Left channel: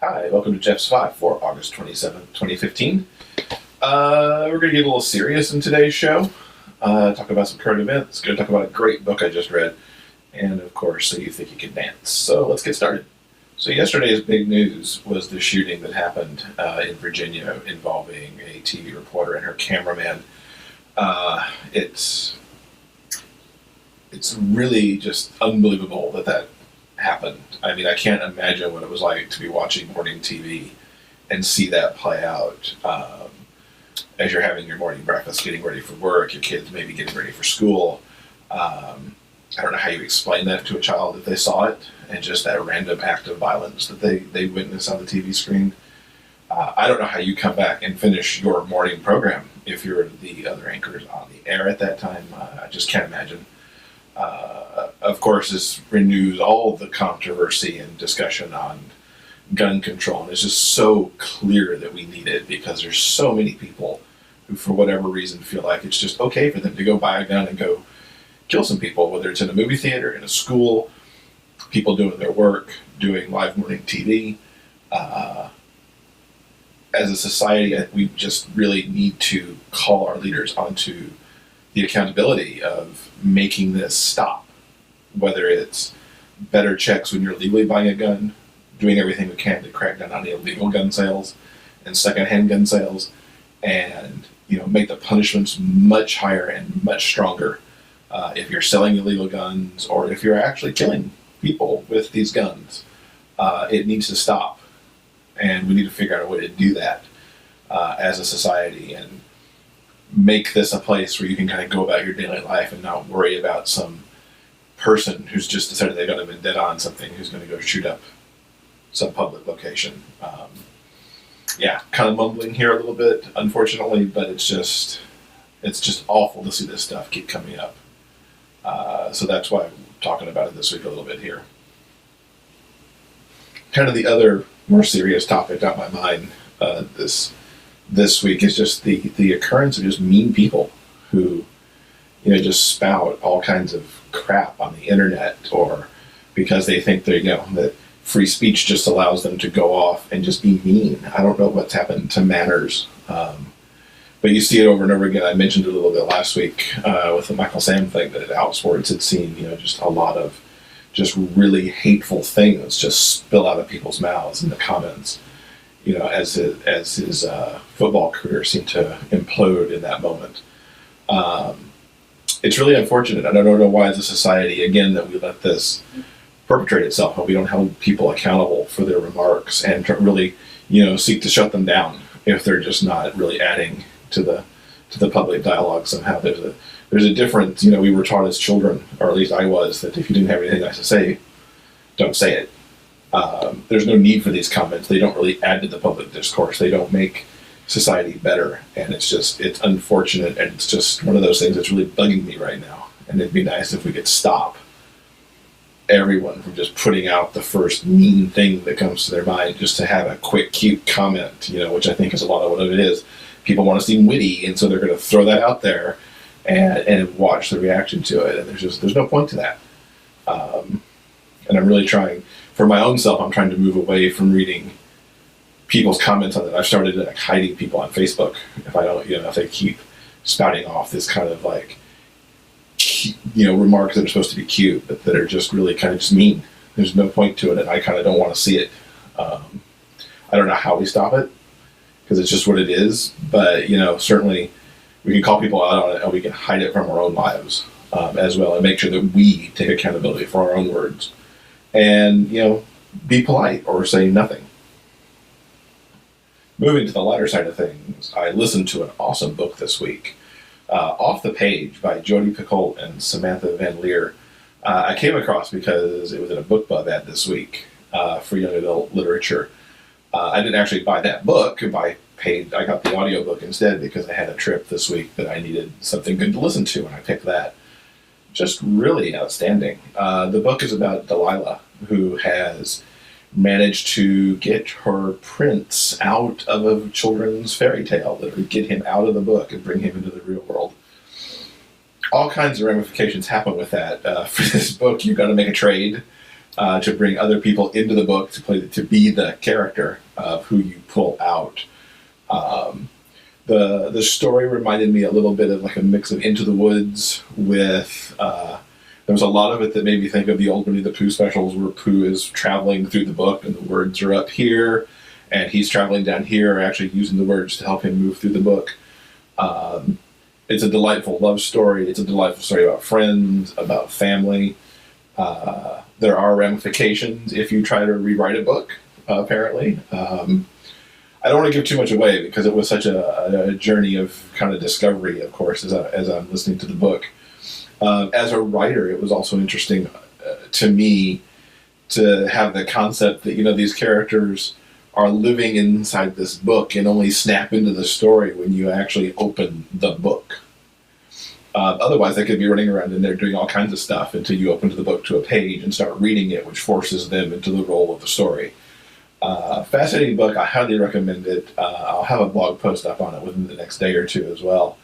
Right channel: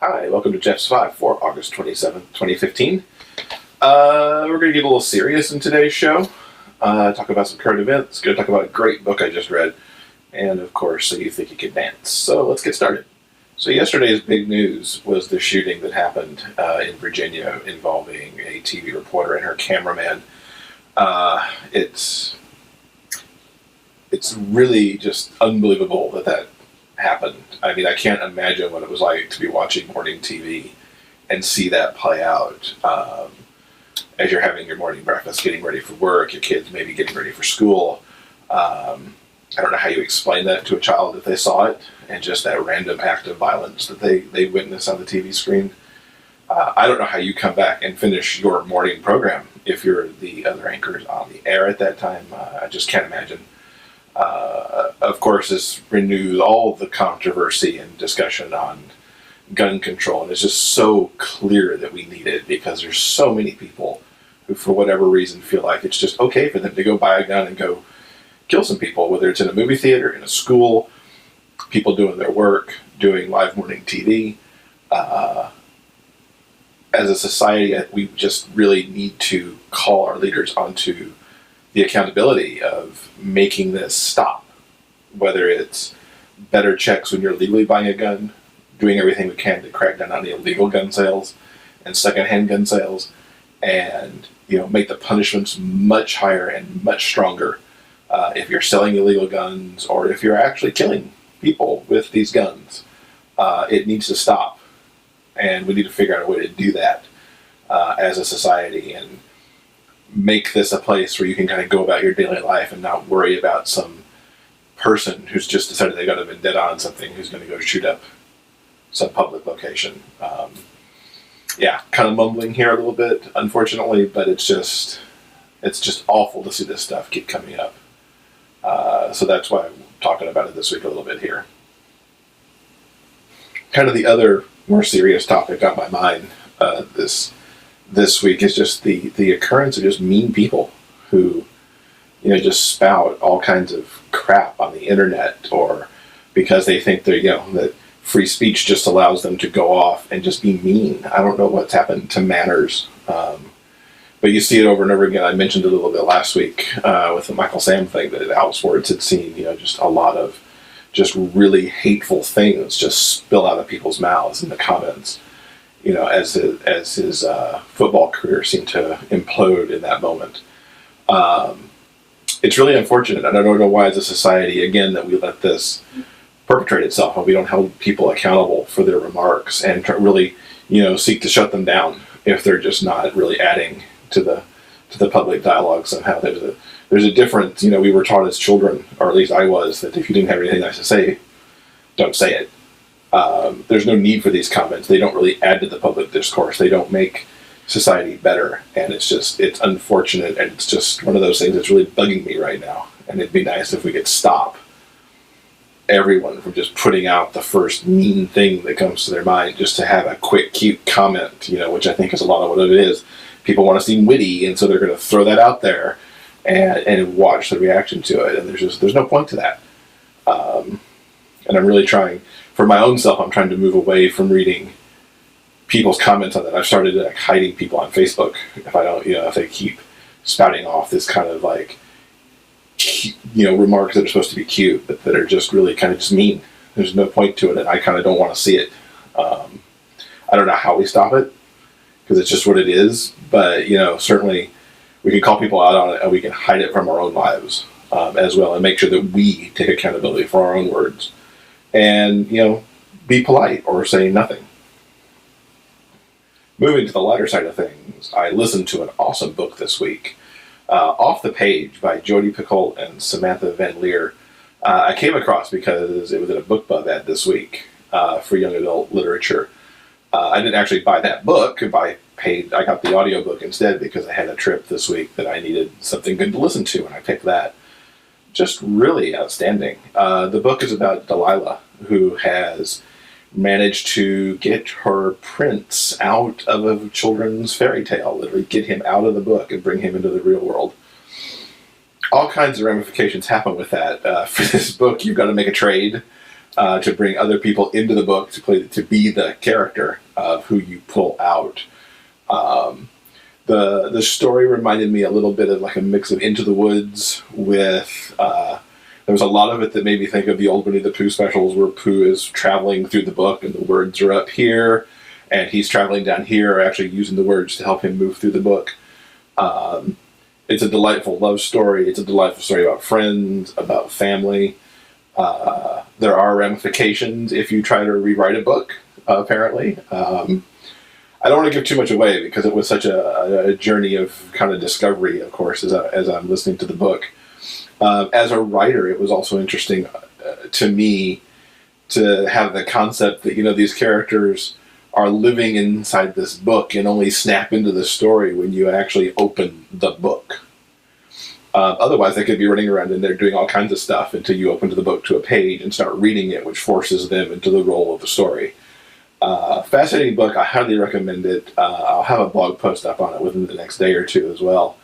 Hi, welcome to Jeff's 5 for August 27th, 2015. We're going to get a little serious in today's show. Talk about some current events. Going to talk about a great book I just read. And, of course, So You Think You Can Dance. So let's get started. So yesterday's big news was the shooting that happened in Virginia involving a TV reporter and her cameraman. It's really just unbelievable that happened. I mean, I can't imagine what it was like to be watching morning TV and see that play out as you're having your morning breakfast, getting ready for work, your kids maybe getting ready for school. I don't know how you explain that to a child if they saw it, and just that random act of violence that they witness on the TV screen. I don't know how you come back and finish your morning program if you're the other anchors on the air at that time. I just can't imagine. Of course, this renews all the controversy and discussion on gun control, and it's just so clear that we need it because there's so many people who, for whatever reason, feel like it's just okay for them to go buy a gun and go kill some people, whether it's in a movie theater, in a school, people doing their work, doing live morning TV. As a society, we just really need to call our leaders onto the accountability of making this stop, whether it's better checks when you're legally buying a gun, doing everything we can to crack down on the illegal gun sales and secondhand gun sales, and make the punishments much higher and much stronger if you're selling illegal guns or if you're actually killing people with these guns. It needs to stop, and we need to figure out a way to do that as a society and make this a place where you can kind of go about your daily life and not worry about some person who's just decided they got a vendetta on something who's going to go shoot up some public location. Kind of mumbling here a little bit, unfortunately, but it's just awful to see this stuff keep coming up. So that's why I'm talking about it this week a little bit here. Kind of the other more serious topic on my mind this week is just the occurrence of just mean people who, just spout all kinds of crap on the internet, or because they think that free speech just allows them to go off and just be mean. I don't know what's happened to manners, but you see it over and over again. I mentioned it a little bit last week with the Michael Sam thing, that Outsports had seen, just a lot of just really hateful things just spill out of people's mouths in the comments. As his football career seemed to implode in that moment. It's really unfortunate, and I don't know why as a society, again, that we let this perpetrate itself and we don't hold people accountable for their remarks and really, seek to shut them down if they're just not really adding to the public dialogue somehow. There's a difference, we were taught as children, or at least I was, that if you didn't have anything nice to say, don't say it. There's no need for these comments. They don't really add to the public discourse. They don't make society better. And it's unfortunate. And it's just one of those things that's really bugging me right now. And it'd be nice if we could stop everyone from just putting out the first mean thing that comes to their mind just to have a quick, cute comment, which I think is a lot of what it is. People want to seem witty, and so they're going to throw that out there and watch the reaction to it. And there's no point to that. And I'm really trying, for my own self, I'm trying to move away from reading people's comments on that. I've started hiding people on Facebook if they keep spouting off this kind of remarks that are supposed to be cute, but that are just really kind of just mean. There's no point to it, and I kind of don't want to see it. I don't know how we stop it, because it's just what it is, but certainly we can call people out on it, and we can hide it from our own lives as well, and make sure that we take accountability for our own words. And, be polite or say nothing. Moving to the lighter side of things, I listened to an awesome book this week, Off the Page by Jodi, Picoult, and Samantha Van Leer. I came across because it was in a BookBub ad this week for young adult literature. I didn't actually buy that book. I got the audiobook instead because I had a trip this week that I needed something good to listen to, and I picked that. Just really outstanding. The book is about Delilah, who has managed to get her prince out of a children's fairy tale, literally get him out of the book and bring him into the real world. All kinds of ramifications happen with that. For this book, you've got to make a trade to bring other people into the book to be the character of who you pull out. The story reminded me a little bit of like a mix of Into the Woods with there was a lot of it that made me think of the old Winnie the Pooh specials where Pooh is traveling through the book and the words are up here and he's traveling down here, actually using the words to help him move through the book. It's a delightful love story. It's a delightful story about friends, about family. There are ramifications if you try to rewrite a book, apparently. I don't want to give too much away because it was such a journey of kind of discovery, of course, as I'm listening to the book. As a writer, it was also interesting to me to have the concept that, these characters are living inside this book and only snap into the story when you actually open the book. Otherwise, they could be running around in there doing all kinds of stuff until you open the book to a page and start reading it, which forces them into the role of the story. Fascinating book. I highly recommend it. I'll have a blog post up on it within the next day or two as well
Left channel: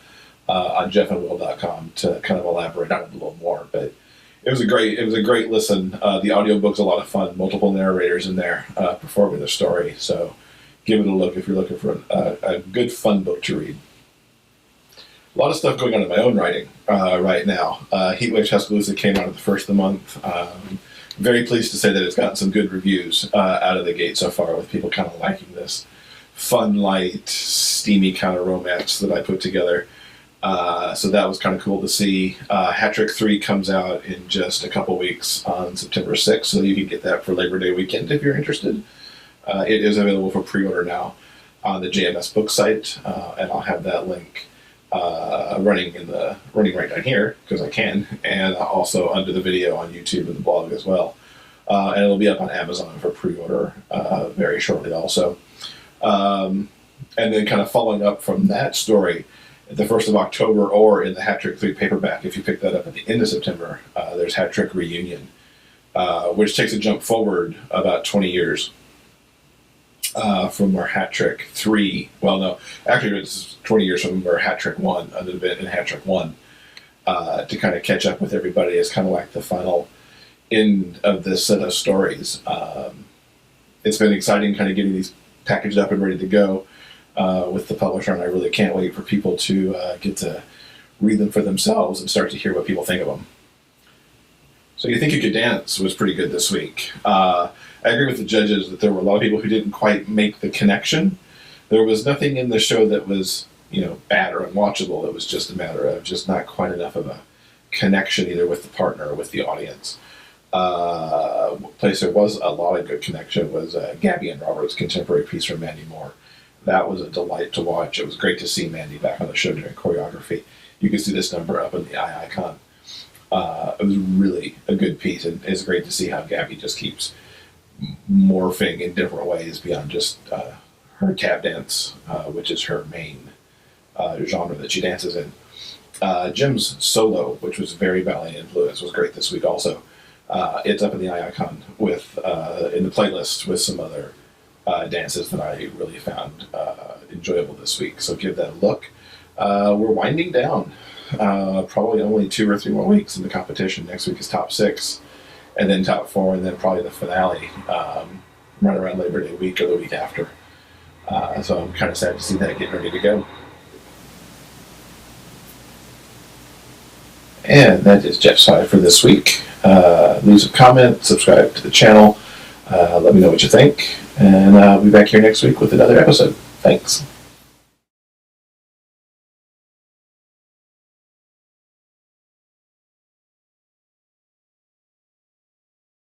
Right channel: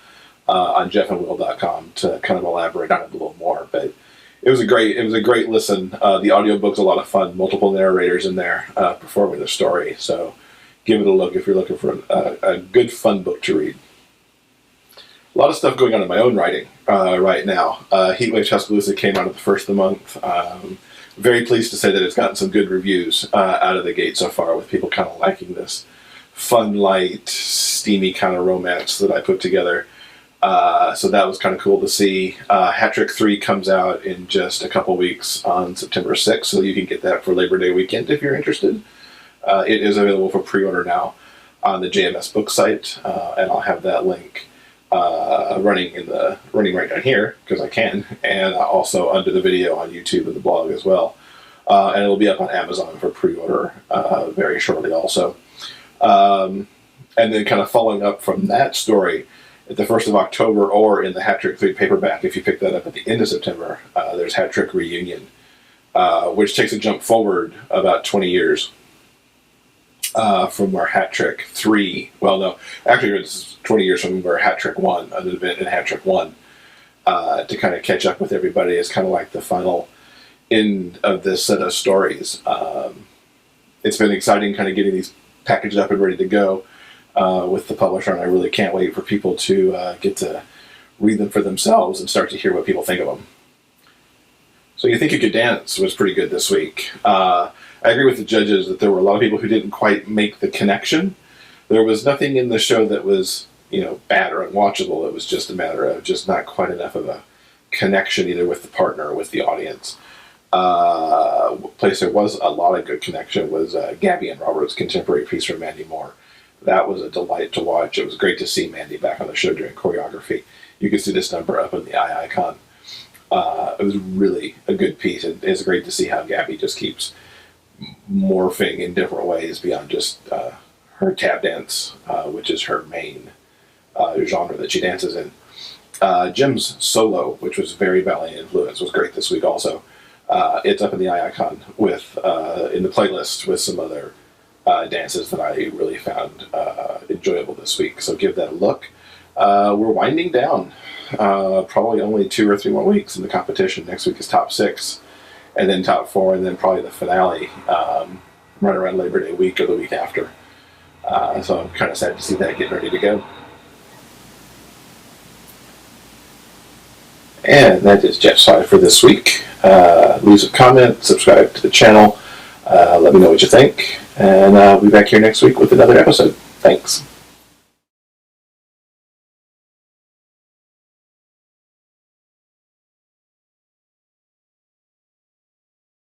on jeffandwill.com to kind of elaborate on it a little more. But it was a great listen. The audiobook's a lot of fun. Multiple narrators in there performing the story. So give it a look if you're looking for a good, fun book to read. A lot of stuff going on in my own writing right now. Heatwave Tuscaloosa came out of the first of the month. Very pleased to say that it's gotten some good reviews out of the gate so far, with people kind of liking this fun, light, steamy kind of romance that I put together. So that was kind of cool to see. Hat Trick 3 comes out in just a couple weeks on September 6th, so you can get that for Labor Day weekend if you're interested. It is available for pre-order now on the JMS book site, and I'll have that link running right down here because I can, and also under the video on YouTube and the blog as well. And it'll be up on Amazon for pre-order very shortly also. And then kind of following up from that story, at the 1st of October or in the Hat Trick 3 paperback, if you pick that up at the end of September, there's Hat Trick Reunion, which takes a jump forward about 20 years from where Hat Trick 3, well, no, actually it's 20 years from where Hat Trick 1, an event in Hat Trick 1, to kind of catch up with everybody as kind of like the final end of this set of stories. It's been exciting kind of getting these packaged up and ready to go with the publisher, and I really can't wait for people to get to read them for themselves and start to hear what people think of them. So You Think You Could Dance was pretty good this week. I agree with the judges that there were a lot of people who didn't quite make the connection. There was nothing in the show that was, bad or unwatchable. It was just a matter of just not quite enough of a connection either with the partner or with the audience. Place there was a lot of good connection was Gabby and Robert's contemporary piece from Mandy Moore. That was a delight to watch. It was great to see Mandy back on the show during choreography. You can see this number up in the eye icon. It was really a good piece, and it's great to see how Gabby just keeps morphing in different ways beyond just her tap dance, which is her main genre that she dances in. Jim's solo, which was very ballet influenced, was great this week also. It's up in the eye icon with in the playlist with some other dances that I really found enjoyable this week. So give that a look. We're winding down. Probably only 2 or 3 more weeks in the competition. Next week is top 6, and then top 4, and then probably the finale right around Labor Day week or the week after. So I'm kind of sad to see that get ready to go. And that is Jeff's 5 for this week. Leave a comment, subscribe to the channel, let me know what you think, and I'll be back here next week with another episode. Thanks.